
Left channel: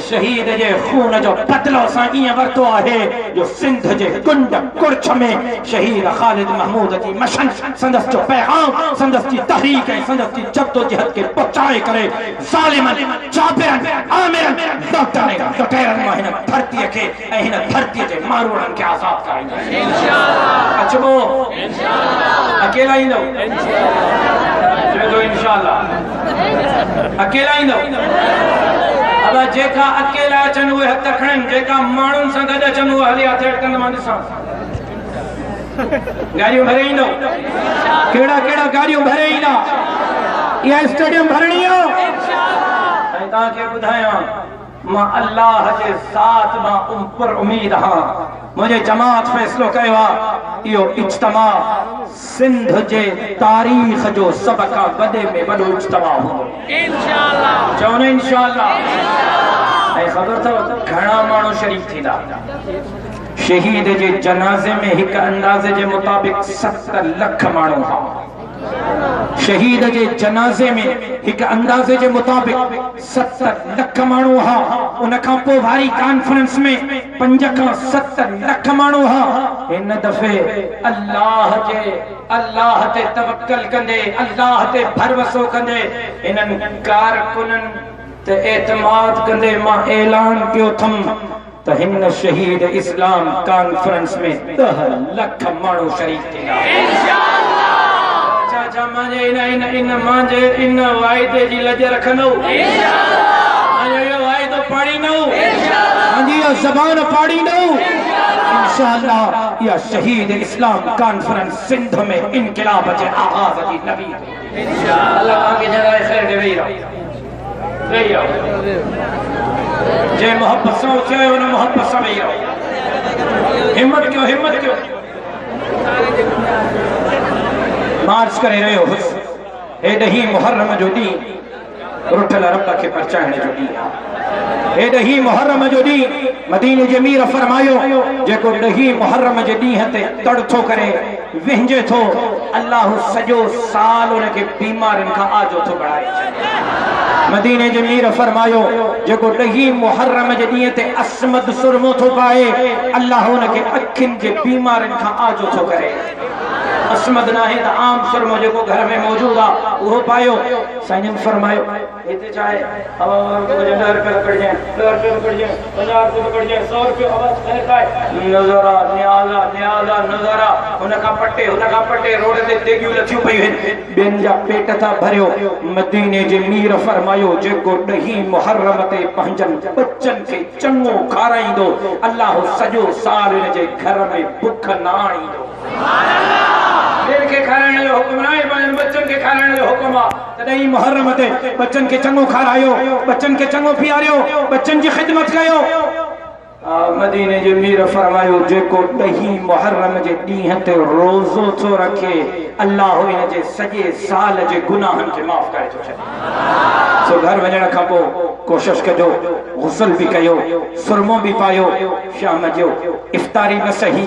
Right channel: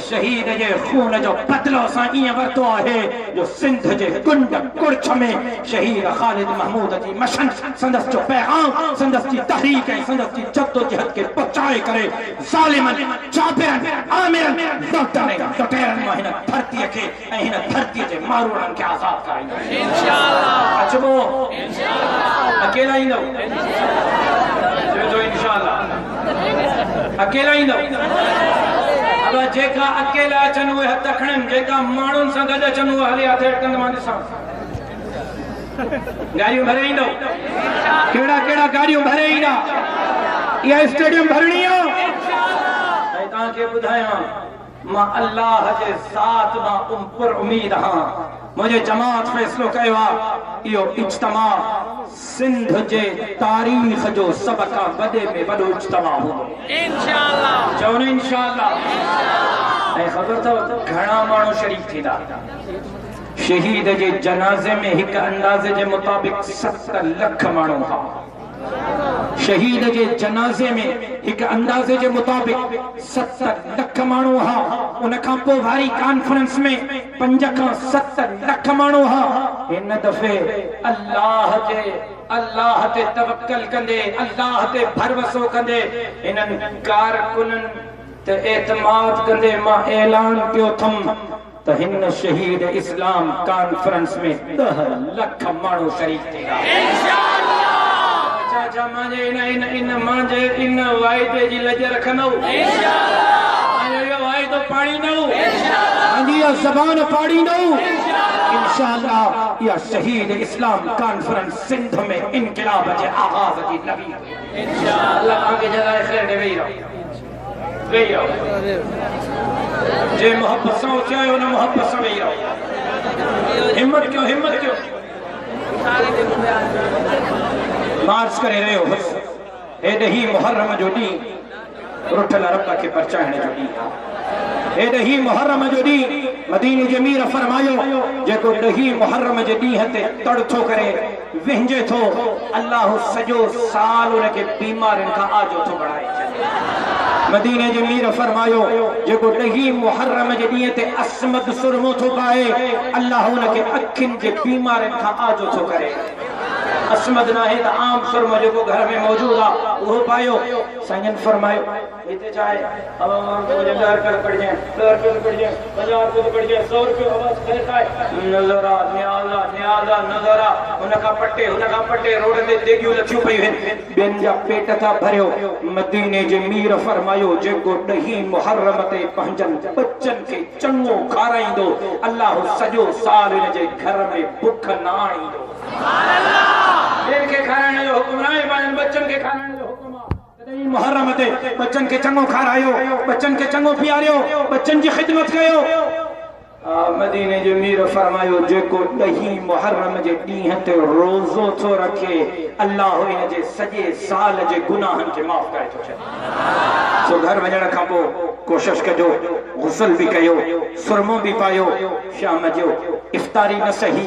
शहीद जे खून जो बदलो असां ईअं वरितो आहे जो सिंध जे कुंड कुड़छ में शहीद ख़ालिद महमूद जी मशन संदसि जो पैगाम, संदसि जी तहरीक ऐं संदसि जी जद्दोजहद खे पहुचाए करे ज़ालिमनि, जाबिरनि, आमिरनि, डॉक्टरनि, लुटेरनि मां हिन धरतीअ खे ऐं हिन धरतीअ जे मारूड़नि खे आज़ाद कराईंदासीं इंशाअल्लाह। अचबो अकेला ईंदो, इंशाअल्लाह अकेला ईंदो। अब जेका अकेला अचन उहे हथ खणन जेका माण्हुनि सां गॾु अचन उहे हले हथ अटकंद मां ॾिसां गाड़ियूं भरे ईंदो केड़ा केड़ा गाड़ियूं भरे ईंदा इहा स्टेडियम भरणी आहे ऐं तव्हांखे ॿुधायां मां अल्लाह जे साथ मां पर उम्मीद हां मुझे जमात फैसलो कयो आहे इहो इज्तिमा सिंध जे तारीख़ जो सब खां वॾे में वॾो इज्तिमा हूंदो इंशाअल्लाह चओ न इंशाअल्लाह ऐं ख़बर अथव घणा माण्हू शरीक थींदा शहीद जे जनाज़े में हिकु अंदाज़े जे मुताबिक़ 70 लख माण्हू हुआ शहीद के जनाजे में एक अंदाजे के मुताबिक 70 लख माण्हू हा उन खां पोइ वारी कॉन्फ्रेंस में 5 खां 70 लख माण्हू हा इन दफ़े अल्लाह ते तवक्कल कंदे अल्लाह ते भरोसो कंदे इन्हनि कारकुननि ते एतमाद कंदे मां ऐलान कयो थम त हिन शहीद इस्लाम कॉन्फ्रेंस में 10 लख माण्हू शरीक थींदा इन वाइदे जी लज रखंदो वाइदो पाड़ींदो ज़बान पाड़ींदो इंशाअल्लाह या शहीद इस्लाम कॉन्फ्रेंस सिंध में इनकलाब जे आगाज़ जी नबी इंशाअल्लाह आगे जलाए खैर दे वेई जे मोहब्बत सां चयो न मोहब्बत सां वेई हिम्मत कयो मार्च करे रहियो हुस हेॾे ही मुहर्रम जो ॾींहुं रुठल रब खे परचाइण जो ॾींहुं हेॾे ही मुहर्रम जो ॾींहुं मदीने जे मीर फरमायो जेको ॾही मुहर्रम जे ॾींहं ते तड़ थो करे विहिंजे थो अल्लाह सॼो साल उनखे बीमारियुनि खां आजो थो बणाए मदीने जे मीर फरमायो जेको ॾही मुहर्रम जे ॾींहं ते असमद सुरमो थो पाए अल्लाह उनखे अखियुनि जे बीमारियुनि खां आजो थो करे असमद ना है आम सुरमा जो घर में मौजूद आ वो पायो साईं फरमायो इते चाहे अब मुझे $10 पड़ जाए $10 पड़ जाए $1000 पड़ जाए $100 आवाज कहता है नजारा न्याला नजारा उनका पट्टे रोड ते देगियूं लथियूं पयूं बेन जा पेट था भरियो मदीने जे मीर फरमायो जेको ॾही मुहर्रम ते पंहिंजन बच्चन के चंगो खाराईंदो अल्लाह सॼो साल इन जे घर में भुख न आणींदो देर के खाराइण जो हुक्म न आहे पंहिंजनि बच्चन के खाराइण जो हुक्म आहे तॾहिं मुहर्रम ते बच्चन के चंगो खारायो बच्चन के चंगो पीआरियो बच्चन जी खिदमत कयो मदीने जे मीर फरमायो जेको ॾही मुहर्रम जे ॾींहं ते रोज़ो थो रखे अल्लाह इन जे सॼे साल जे गुनाहनि खे माफ़ करे थो छॾे सो घर वञण खां पोइ कोशिश कजो गुस्ल भी कयो सुरमो भी पायो शाम जो इफ्तारी में सही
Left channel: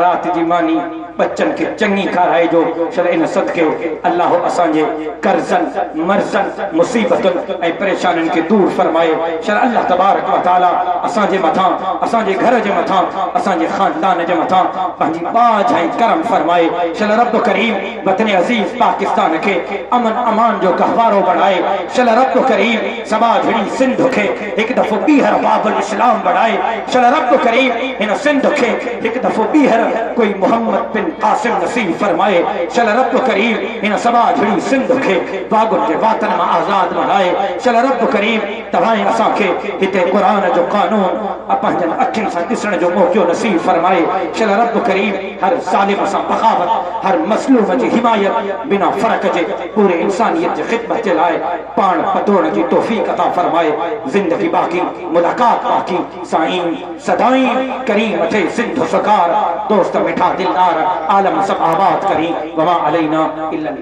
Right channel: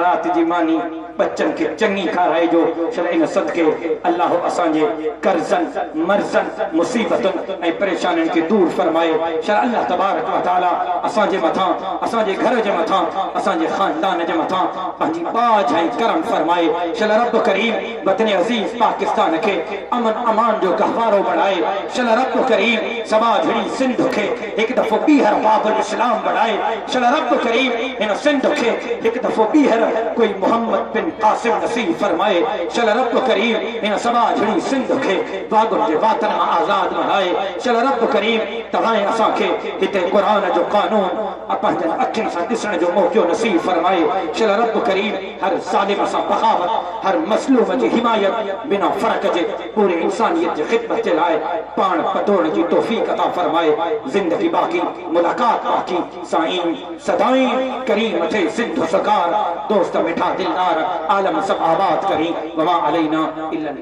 रात जी मानी बच्चन के चंगी खाराइजो चल इन सदके अल्लाह असांजे कर्जन मर्जन मुसीबतन ऐं परेशानियुनि के दूर फरमाए चल अल्लाह तबारक व तआला असांजे मथां असांजे घर जे मथां असांजे खानदान जे मथां पंहिंजी बाज ऐं करम फरमाए चल रब करीम वतन अजीज पाकिस्तान के अमन अमान जो गहवारो बढ़ाए चल रब करीम समाजड़ी सिंध के एक दफो बीहर बाबुल इस्लाम बढ़ाए चल रब करीम इन सिंध के एक दफो बीहर कोई मोहम्मद बिन कासिम नसीब फरमाए चल रब करीम इन समाजड़ी सिंध के बागुन के वातन में आजाद बनाए चल रब करीम तवाए असा के हिते कुरान जो कानून अपन अखिन से दिसण जो मौको नसीब फरमाए चल रब करीम हर जालिम से बगावत हर मसलूम की हिमायत बिना फर्क जे पूरे इंसानियत की खिदमत के लाए पान पतोड़ की तौफीक अता फरमाए जिंदगी बाकी मुलाकात बाकी साईं सदाई करीम थे सिंध सरकार दोस्त मिठा दिलदार आलम सब आबाद करी वमा अलैना इल्ला